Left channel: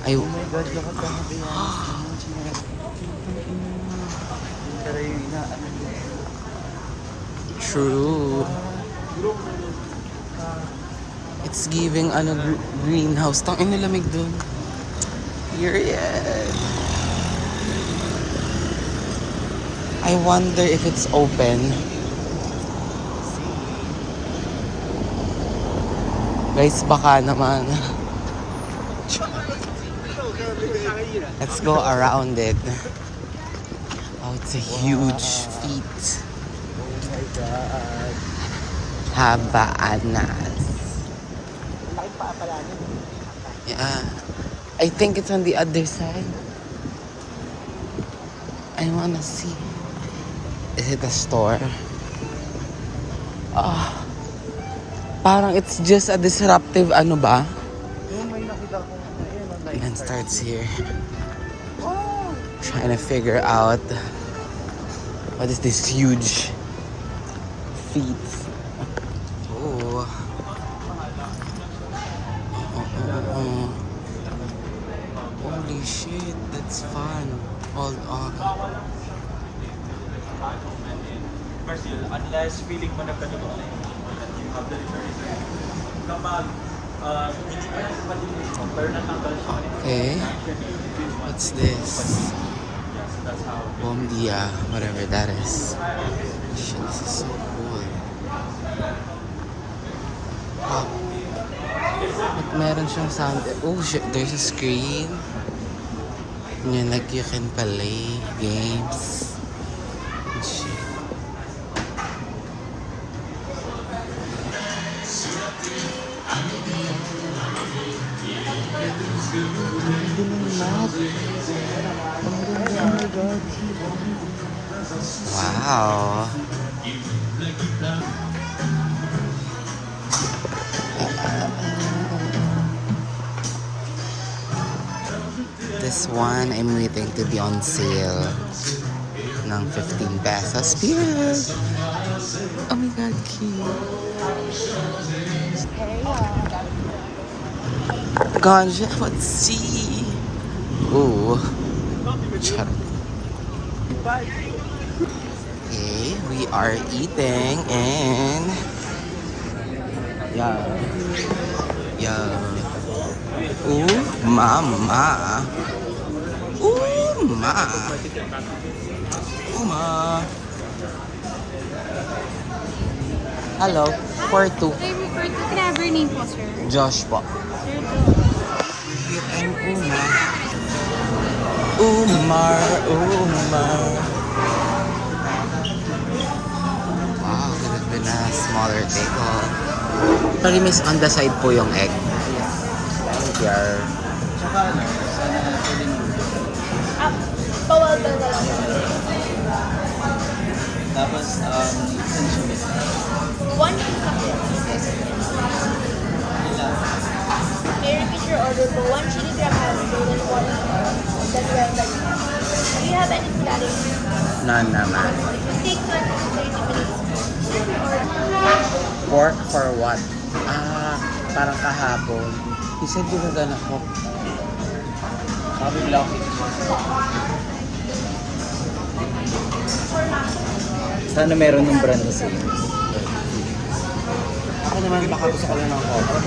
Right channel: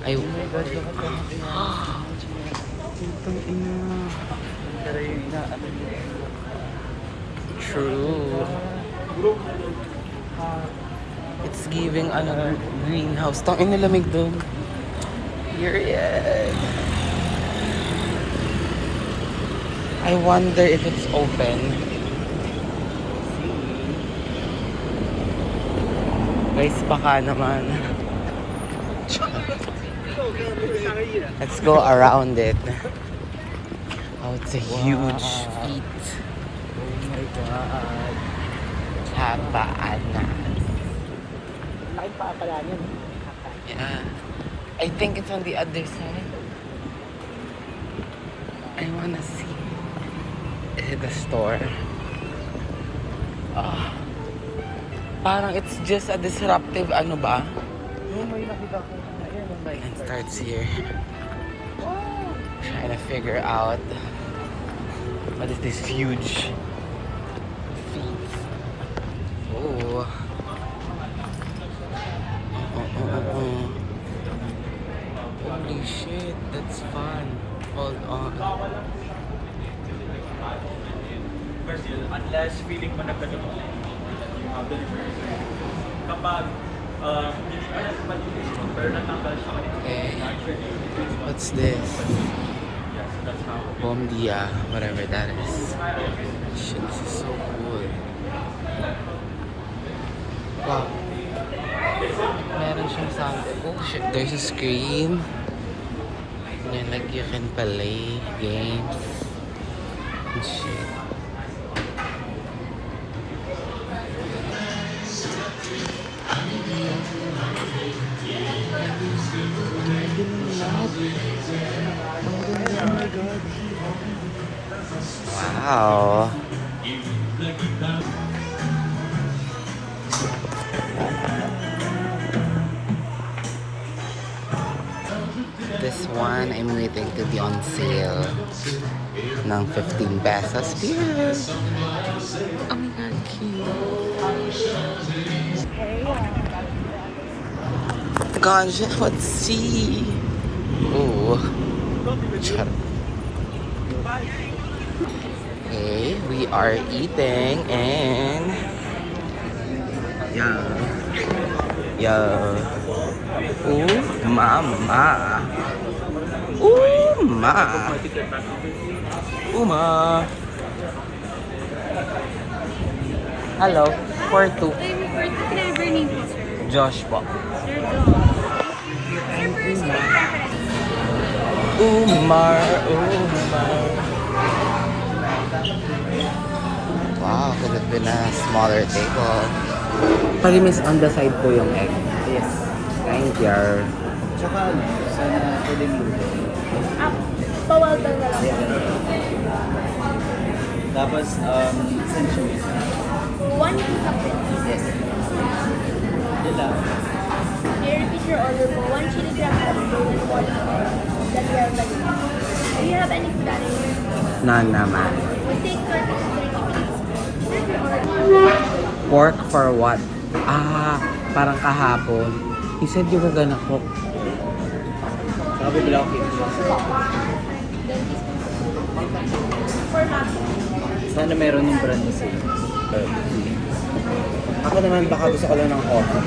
Ay, true. It's giving ano greenhouse. Tang ina lamig doon. Period. I wonder if it's open. Guys, baka naman. Let's go around it. Oh, it's a huge feat. Habaanas. Yeah. I think it's on the other side. I wanna see. Is it a store? Oh. Parang it's just a disruptive ano ba? And starts here. Trying to figure out what is this huge feet. Oh. Holy shit, that's fun. Hold on. Unless feeling mo nagkakaroon Okay. What's this? Bom dia, whatever that is. Shit, this is so cool. Wow. Meron siyang sound. Oh shit, there's a screen. Like you can play games. Oh, shit. Wow. This one, I'm waiting to be on sale ng 15 pesos. Yes! Oh my God, cute. Ganja, let's see. Ooh. Charot. Okay, we are eating and yeah. Ooh, mama. Ooh, ma. Uma. Hello, for two. For two, can I have your name po, sir? Josh po. Sir, Uma. Umar. Wow, could have been a smaller table. Sorry, miss, on the side po yung egg. Yes. Thank you. Tsaka ano, sana pwedeng luto. bawal daw. Tapos, isang cheese. One chocolate. Yes. Yun lang. Can you repeat your order? One chili crab. Do you have any starting? None naman. Take the 30 minutes. Pork for what? Parang kahapon. You said you were gonna cook. Sabi bilang pizza. Sana meron yung brand kasi. Ako naman baka gusto ko lang ng coffee.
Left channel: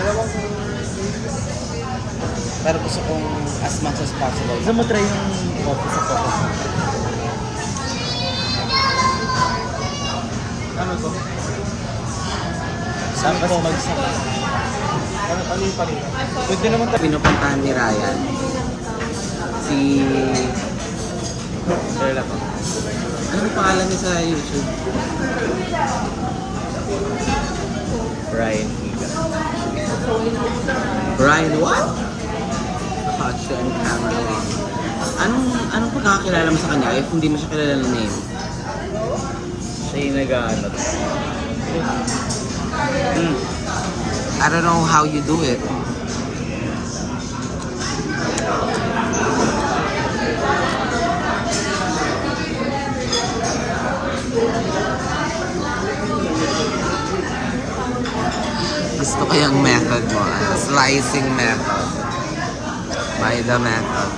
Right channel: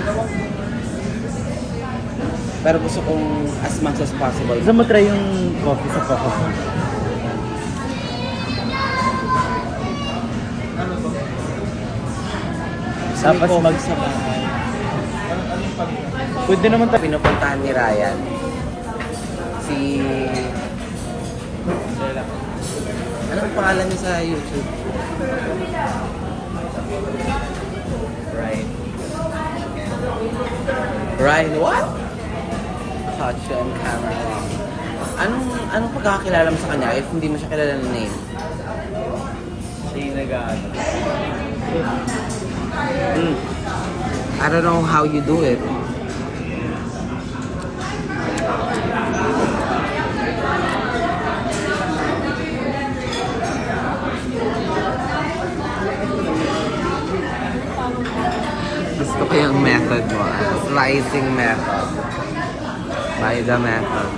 Pero gusto kong as much as possible. Gusto mo try yung coffee sa Focus? Tapos magsabahan. Pwede naman ito. Pinupuntahan ni Ryan. Si... Anong pangalan niya sa YouTube? Ryan. Ryan what? Caught you on camera. Anong pagkakakilala mo sa kanya if hindi mo siya kilala ng name? Siya yung nag-ano. I don't know how you do it. Gusto ko yung method mo, slicing method. By the method.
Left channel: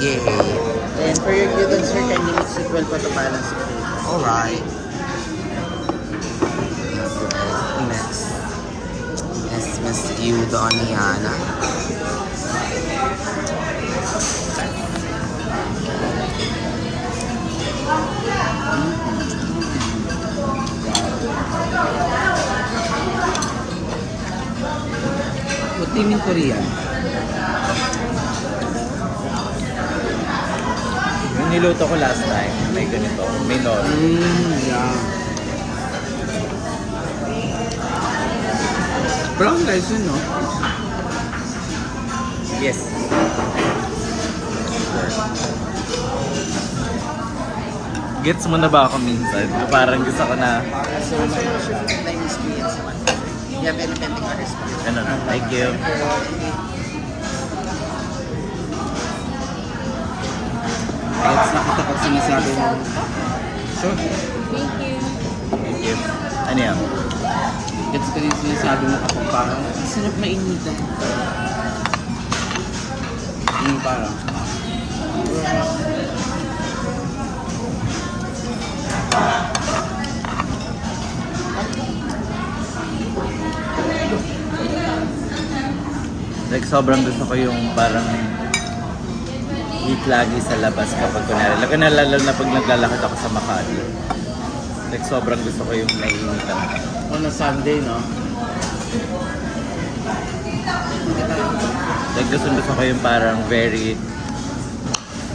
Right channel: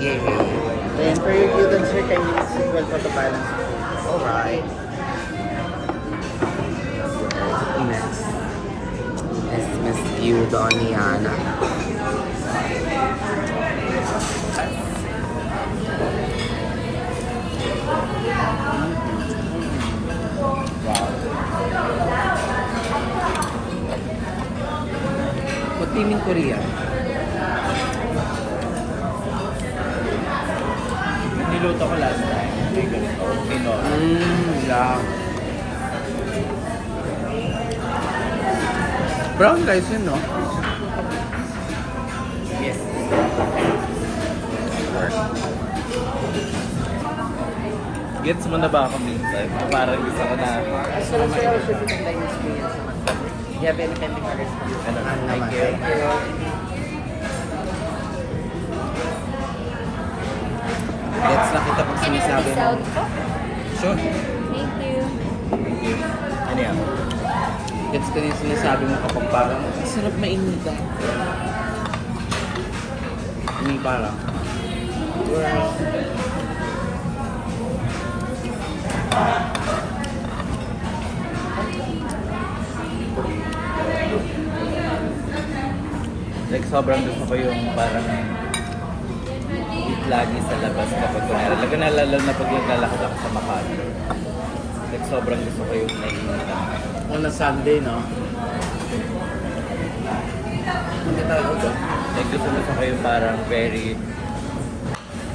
Yay! Then for your noodles, sir, kindly mix it well for the balance of flavor. Alright. Next is Miss Eudoniana. What team in Korean? Yung niluto ko last time, may ganito, may nor. Yeah. Brown rice yun, no? Yes. Work. Gets mo na ba ako minsan? Na parang gusto ko na, gusto ko maino siya. You have any categories? Ano na, thank you. Gets nakita pag sinasabi mo, sure. Thank you. Thank you. Ano yan? Gets ko din sinasabi mo kapag parang, ang sarap mainitan. Hindi parang, like sobrang gusto ko yung parang eat lagi sa labas kapag kunwari. Lalo na pag naglalakad ako sa Makati. Like sobrang gusto ko yung nainitan. O na Sunday, no? Hindi tayo ako. Like gusto ko yung parang very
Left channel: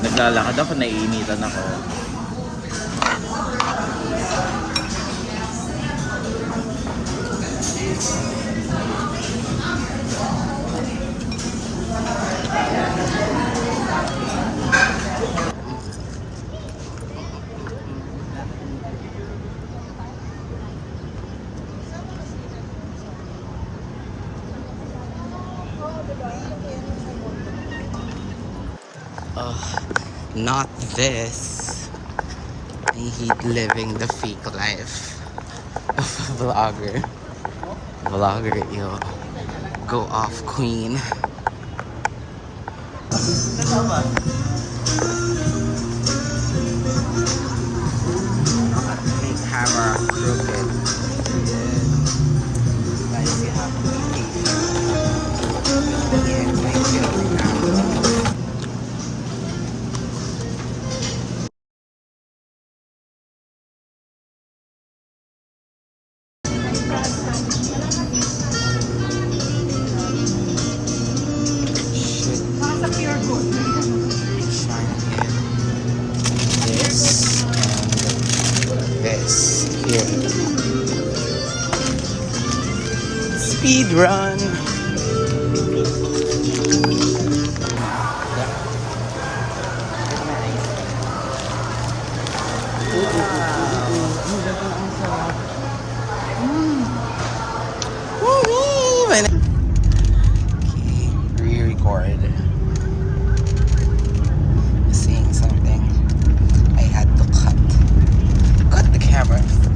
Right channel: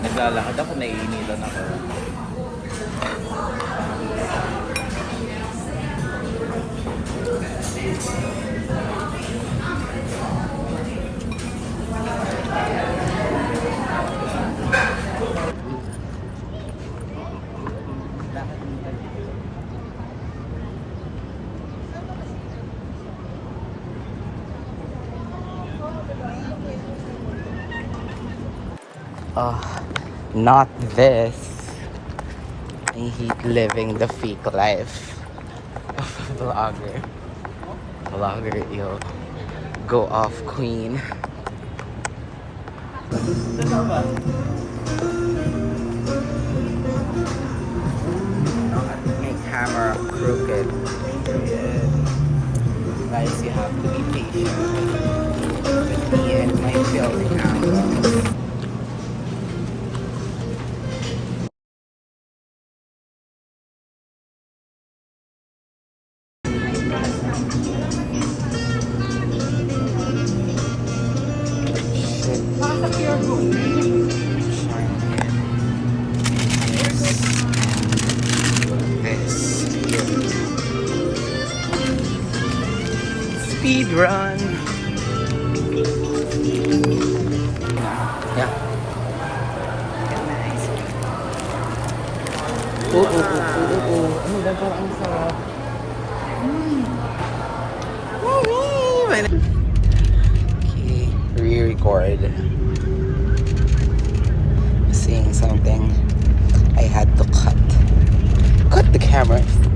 naglalakad ako, naiinitan ako. Oh, not this. I hate living the fake life of a vlogger. Vlogger, yo. Go off, queen. Not make camera crooked. Period. Guys, you have to be patient with me and my filming angle. Shit. Trying to this and this here. Speed run. Ano ba parang ang sarap? Okay, re-record. Seeing something. I had to cut the cameras.